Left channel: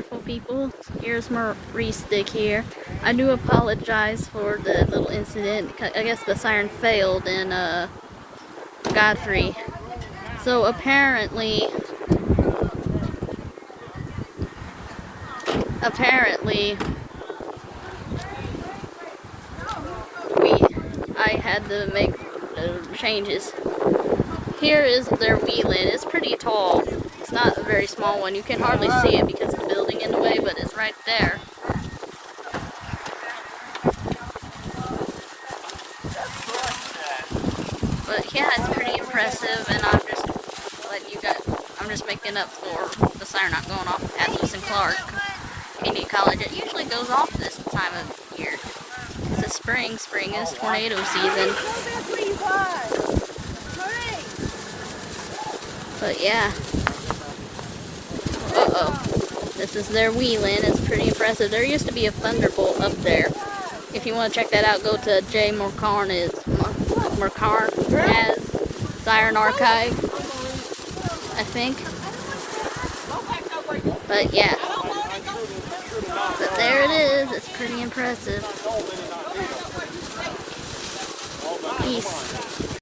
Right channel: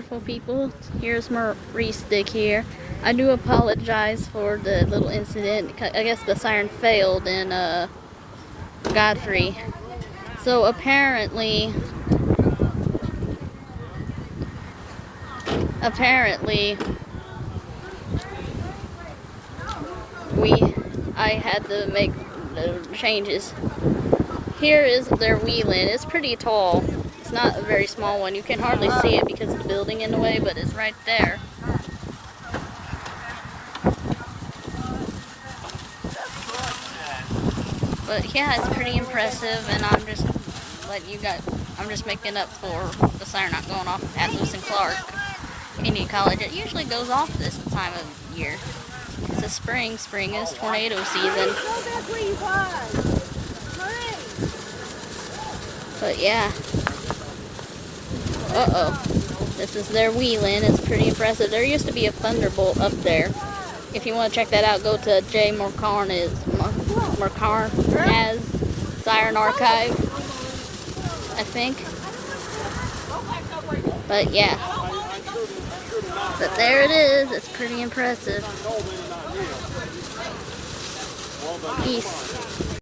wonderful people. Here's Maurice Dick here. I do apologize for the little incident. I guess the siren failed in Godfrey. So apparently I had to make changes. Here is their whelen. It's pretty tall. It's not a very small one. You can hardly see it because of the building in the way, but it's right there. But yeah, it's pretty impressive, and I'm just making up for the siren not going off at Lewis and Clark Community College. It usually goes off this time of year. It's a spring. Spring is tornado season. But yeah. This is their whelen. It's pretty impressive. There used to be a thunderbolt up there. If you want to check that out, go to J. Marcoz Siren Archive, I think. But yeah. But there it is. It's pretty impressive. Peace.